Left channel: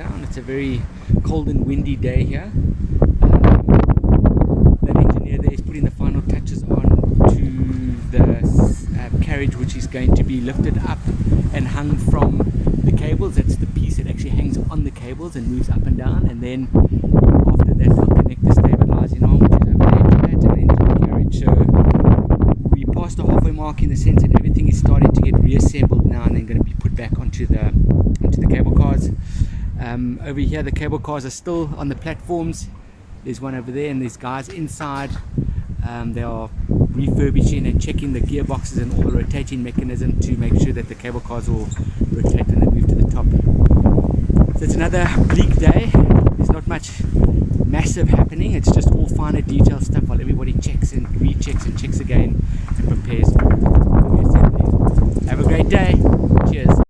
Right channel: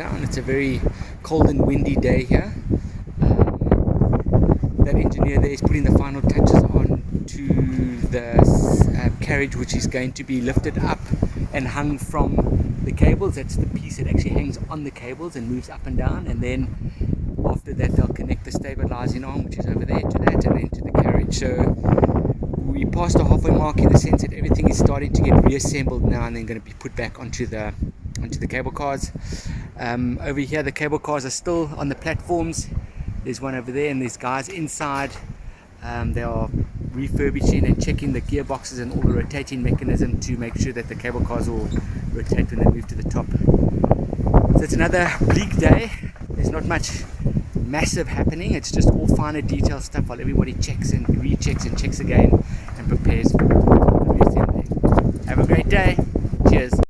shutdown. It's a very cold and windy day here. That engineer there is putting the final touches on to the carriage, which is going to be lifted up and hung from the cables. That's the piece that actually hangs on the cables and moves up and down, and then after that they'll connect the stabilizing arm, which is over there, to that and into the carriage. So we passed the halfway mark in the sense that everything is starting to get reassembled now and then going to be put back onto the cable cars. Over here the cable cars are still on the platforms. There's one over there and there's guys inside. They are refurbishing and checking the gearboxes and all the rotating mechanism to make sure that the cable cars will rotate when they move to the top. So it's another bleak day. There's not much massive happening. It's just all finer detail stuff while everybody checks and rechecks and checks again and prepares for reassembly. Have a great day. Cheers.